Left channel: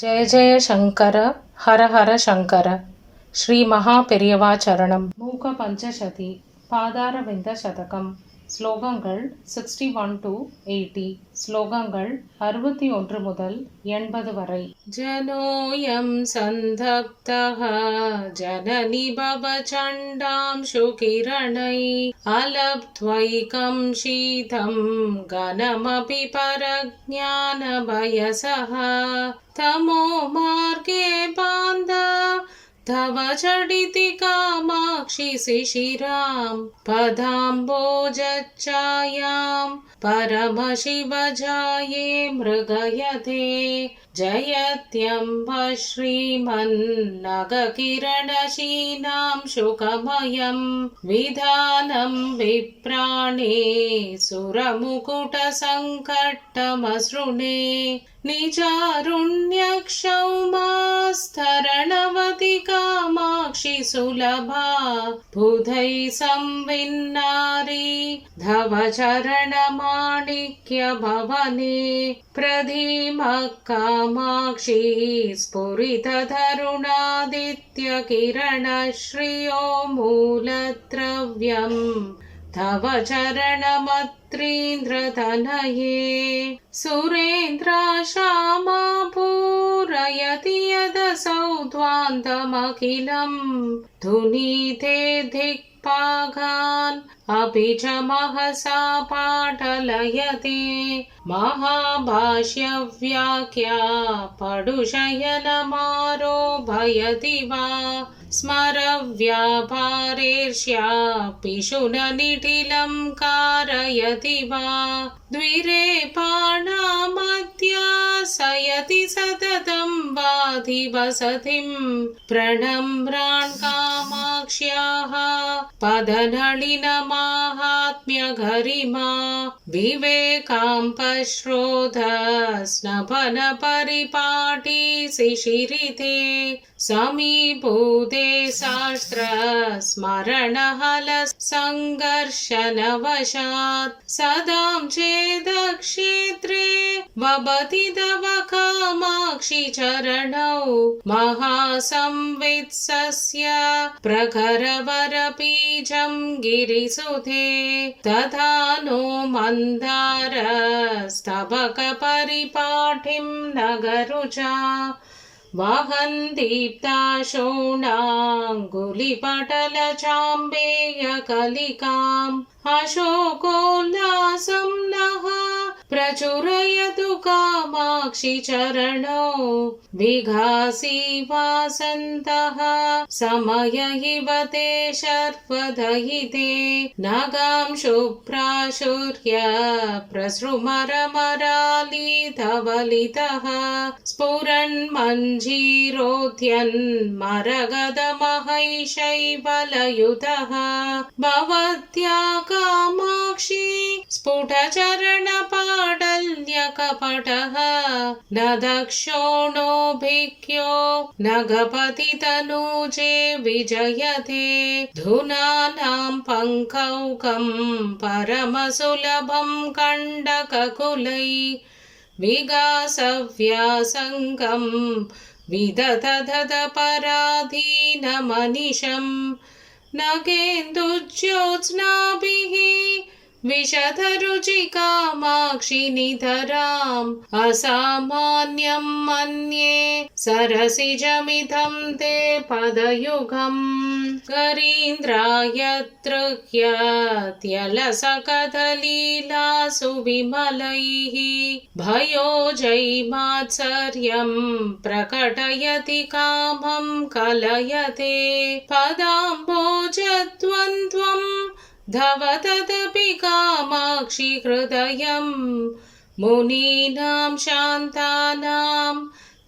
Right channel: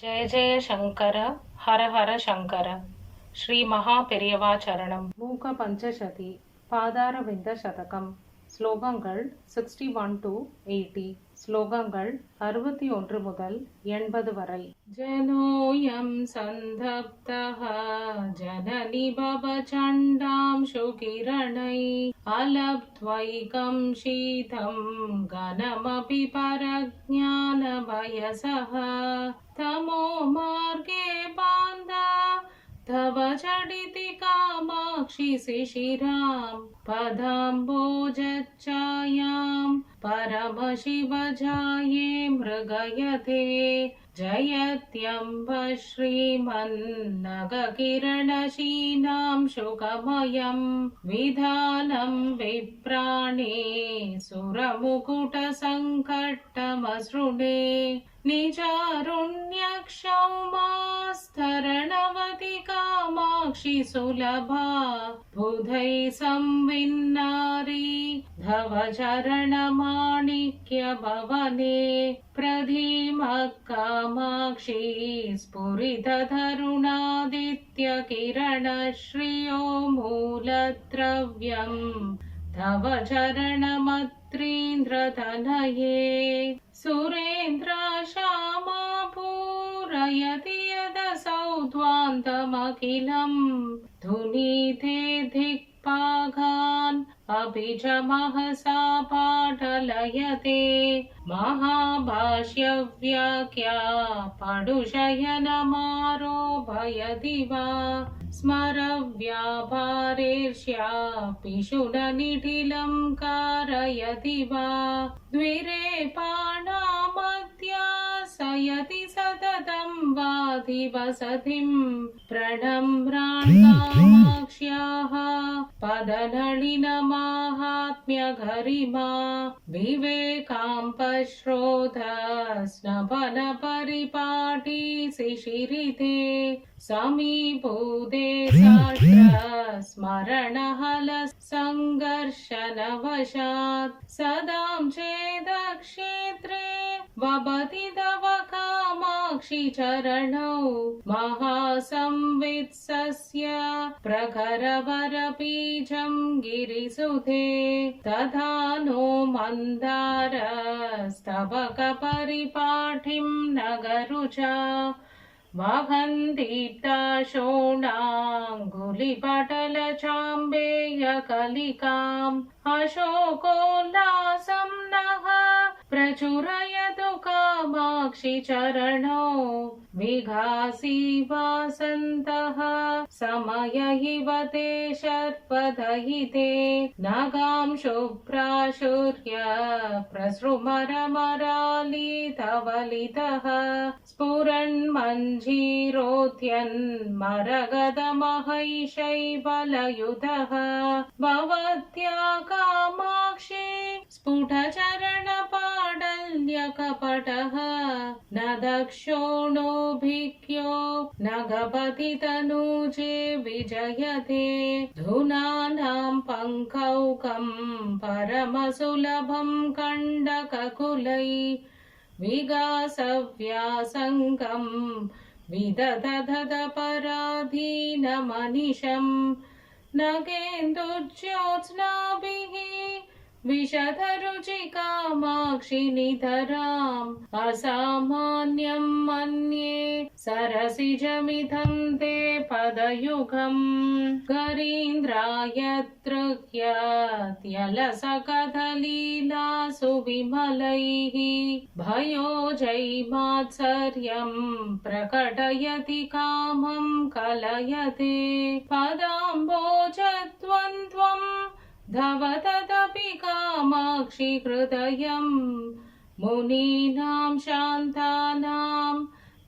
జయ జయ శంకర హర హర శంకర శ్రీ மகாபெரியவாச்சரணம் மூக பஞ்சசதி பாதாரவிந்த சதகம் ஸ்லோகங்கள் 61 to 80 ஸ்லோகங்கள் 61 முதல் 80 வரை. ஜனோயம் சந்தப்தஹ ஜனனி பவசண்டாம் சுகிரணை அலப்த்வைகம் ஷீதம் கனமபி பரஜ்ஞான பயசஹ तमो मार्गे बान्धव तव झटिति कामाक्षि शिशिरां पदाम्बोजच्छायां परमशिवजाये मृगयते जयत्यम्ब श्रीमन्नगकिरणशीनां शुकमयं विधानं विप्राणे सुरमुकुटसङ्कट्टमसृणे निजारुण्यक्षौमास्तरणवति कामाक्षि सुलभा बुधै संविन्नारी धव चरणमाणिक्य भवने प्रधीमः कामाक्षि स्फुरिततरुणादित्य किरणश्रियो मूलद्रव्यम् तव चरणमत्रीन्द्रतनये सुरेन्द्राशामा पूरयति यदसौ ध्वान्तमखिलम् धुनीते दिक्पाघान् अभिजमहसा पाटलयते महाभाष्यव्याख्या पडुशयनमारोभयति वा स्मरव्यापारेर्ष्या पिशुननिटिलं कारयति वा द्विरेपाणामध्यासयति सततं वाधिवसतिं प्रणम्रान् कामाक्ष्याः पदनलिनमाहात्म्यगरिमा विवेकाम्पश्रोध स्नपनपरिपाटी शिशिरिते समीभूते शास्त्र स्मरणहल संघर्षनवशात् सदां चेदक्षेत्रे वबति तव कामाक्षि चरणौ महासंवित्सस्य प्रखरवरबीजं गिरिसुते तथा नो मन्दारस्तबकपरिपाठिं नगरुचा वहन्तीप्ताशोणाङ्गुलिपटलचाम्बेयकलिकाम् अशोकोल्लासं नः प्रचुरयतु कामाक्षि चरणौ विघासी वासन्तः समय इव ते शर्वदयिते नगां शुभ्राशुर्य प्रसृमरमरालितवलितः स्फुरन्मञ्जीरोध्यन्मरगदमहैशैवलयुतः भवत्या कामाक्षि स्फुटचरणपाडल्यकपटः न दक्षोणोऽभिज्ञो न गपतितनूजे विजयते धुनानां पङ्कौकं परमसुलभं कण्डककुलै विगासव्यासङ्गं विदधदपराधीनमनिशं नगेन्दुज्योत्स्नाभिः विशतरुचिकामाक्षि नितराम् असामान्यं मन्ये सरसिजमिदं ते पदयुगम् गरीन्द्रायतृह्यत्यलसकथलीलासु विमलैः भयोजैमात्सर्यं प्रकटयति कामं कलयते पदाम्बोजद्वन्द्वं धव तदपि कामाक्षि हृदयं मुनीनां शान्तानां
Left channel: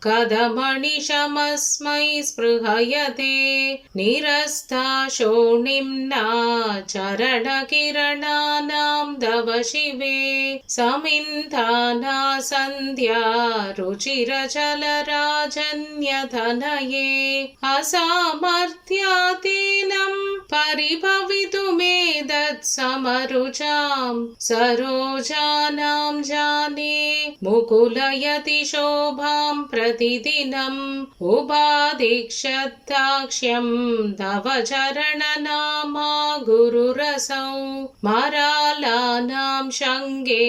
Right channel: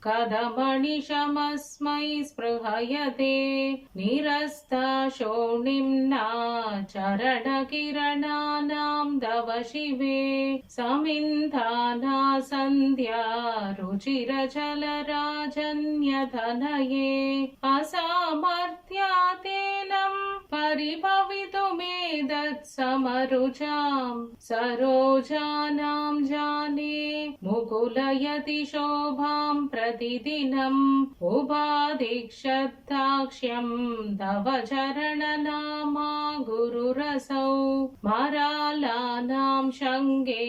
कदमनिशमस्मै स्पृहयते निरस्ताशोणिम्ना चरणकिरणानां तव शिवे समिन्धाना सन्ध्या रुचिरचलराजन्यतनये असामर्थ्यातेनं परिभवितुमेतत्समरुचां सरोजानां जाने मुकुलयति शोभां प्रतिदिनम् उपादिक्षत्ताक्ष्यं तव चरणनामा गुरुरसौ मरालानां शङ्गे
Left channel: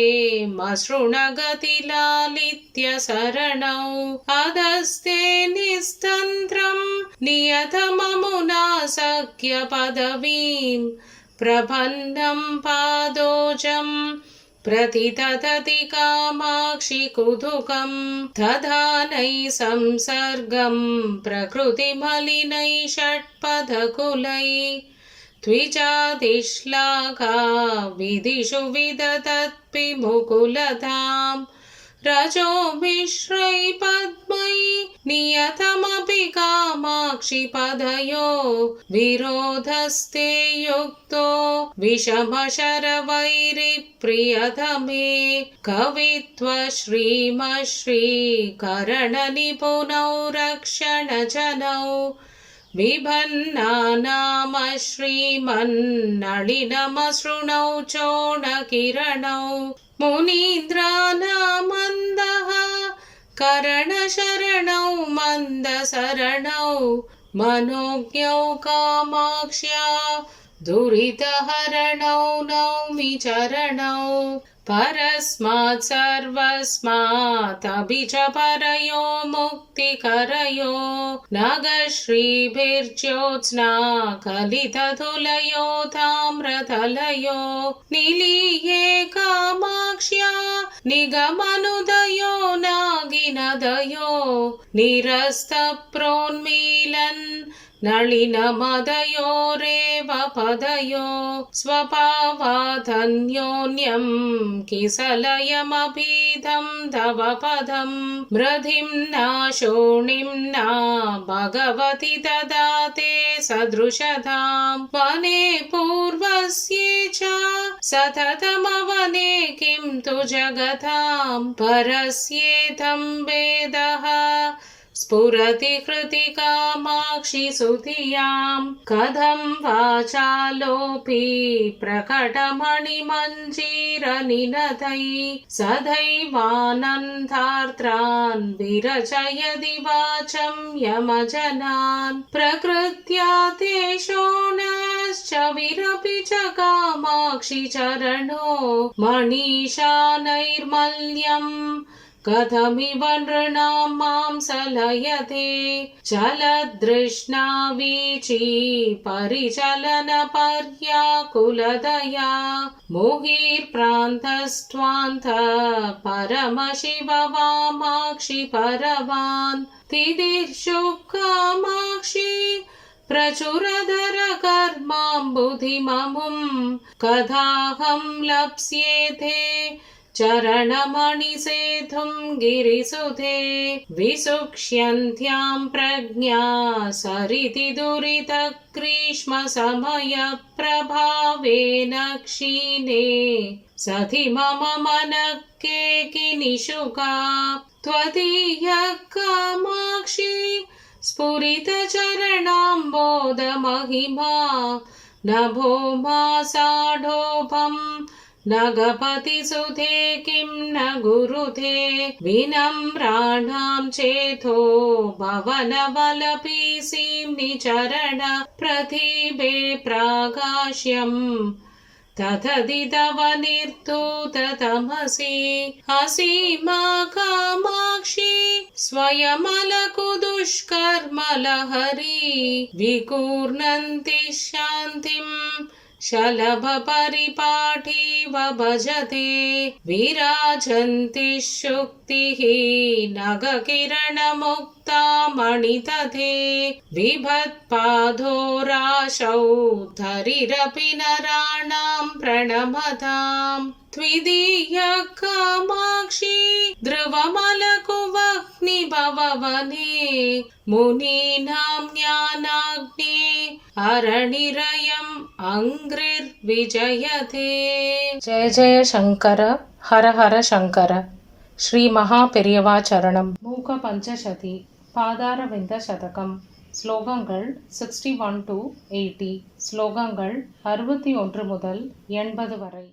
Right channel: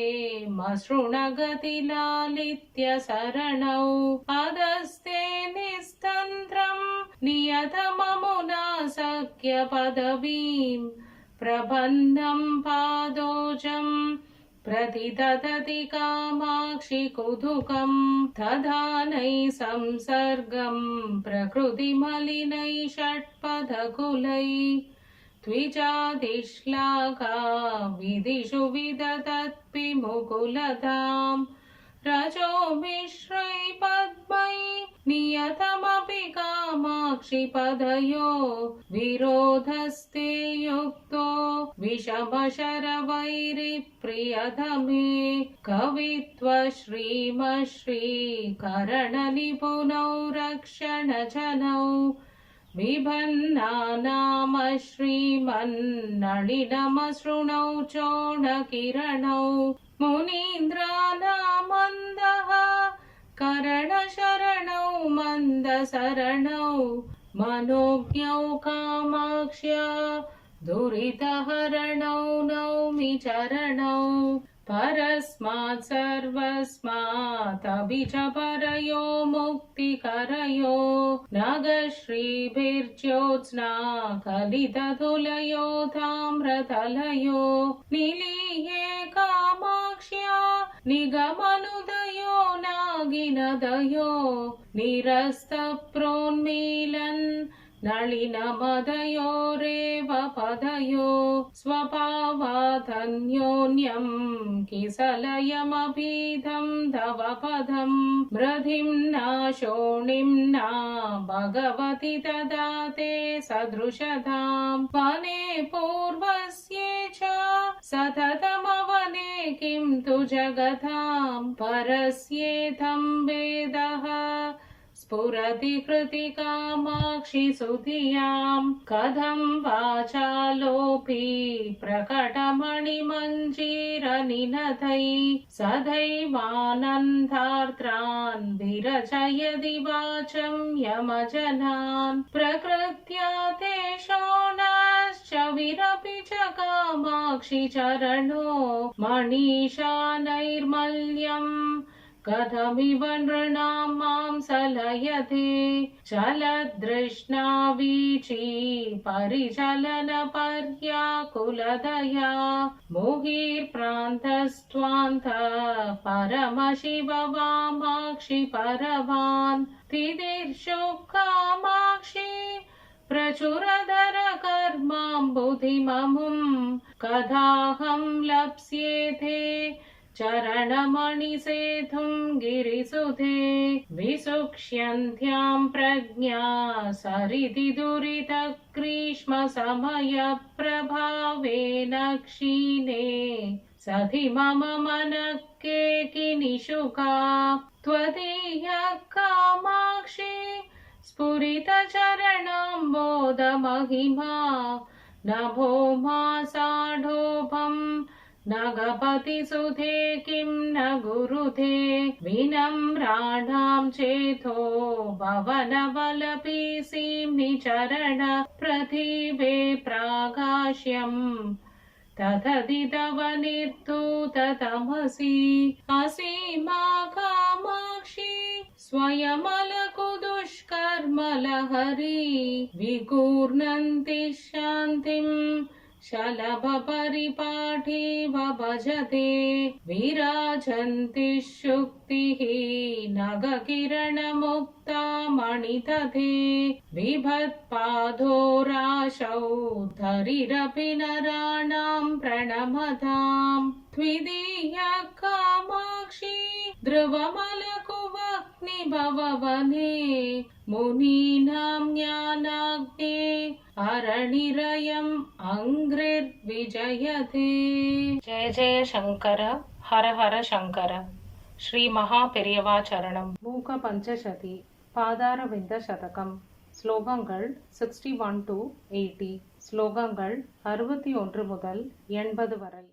मसृणगतिलालित्य शरणौ अधस्ते निस्तन्त्रं नियतममुना सख्य पदवीं प्रपन्नं पादोजं प्रतिदधति कामाक्षि कुतुकं दधानै संसर्गं प्रकृतिमलिनै षट्पदकुलै द्विजादिश्लाघा विदिषु विदधत्पिमुकुलतां रजो मिश्रै पद्मै नियतमपि कामाक्षि पदयो विरोधस्ते युक्तो विषमशरवैरिप्रियतमे कवित्वश्रीमश्रीकरणनिपुणौ रक्षणजनौ विभन्नानामश्रीमन्नलिनमसृणौ चोणकिरणौ मुनीन्द्रानामन्दः करणशरणौ मन्दशरणौ मनोज्ञौ कामाक्ष्या दुरितहरणौ नौमि चरणौ परस्मात् सर्वस्मात् च परयो मुक्तिकरयो नगश्रीभिर्ज्योत्स्ना कलिततुलयो ताम्रतलयो निलीये कामाक्ष्या निगमनुदयो नागिनदयो निरस्तप्रोन्मीलन् नलिनमदयोरेव पदयो स्वभावादन्योन्यं किसलयमभीदं तव पदं मृधिम्ना शोणिम्ना भगवति ददाते सदृशतां वने पूर्वस्ये च सततमवने किं तु जगतां परस्येथं वेदः स्फुरति हृदि कामाक्षि सुधियां कथं वाचालोऽपि प्रकटमणिमञ्जीरनिनदै सदैवानन्दार्त्रान् विरचयति वाचं यमजनान् प्रकृत्या ते शोणश्च विरपि च कामाक्षि चरणो मनीषा नैर्मल्यम् कथमिव नृणां मां सलयते चलदृष्णा वीची परिचलनपर्याकुलदया मुहुर्प्रान्तस्त्वान्त परमशिव वामाक्षि परवान् तितिर्षु कामाक्षि प्रचुरधर कर्माम्बुधिममुं कथाहं लप्स्येते चरणमणिसेतुं गिरिसुते विसुक्ष्यन्त्यां प्रज्ञा सरिति दुरितग्रीष्मसमयप्रभावेन क्षीणे सति मम मनः केकिनिशुका त्वदीयः कामाक्षि स्फुरितचरणाम्बोधमहिमा नभो मासाढोभम् नगपतिसुते किं न गुरुते विनम्राणां चेतो भवनवलपीसीम्नि चरण प्रतिभे प्राकाश्यं तथदि तव निर्धूततमसि असीमा कामाक्षि स्वयमलकुदुष्कर्मलहरी विगूर्णन्ति शान्तिम् शलभपरिपाठीव भजते विराजन्ति शुक्तिः नगकिरणमुक्ता मणितथे विभत्पादोराशौ धरिरपि नराणां प्रणमतां त्विदीयः कामाक्षि ध्रुवमलकुवह्निभववने मुनीनां ज्ञानाग्ने अरणिरयम् अंघ्रिर्विजयते। जय जय शंकर, हर हर शंकर. श्री महापेरियवा चरणम. மூக பஞ்சசதி பாதாரவிந்த சதகம். ஸ்லோகங்கள் 61 to 80. ஸ்லோகங்கள் 61 முதல் 80 வரை.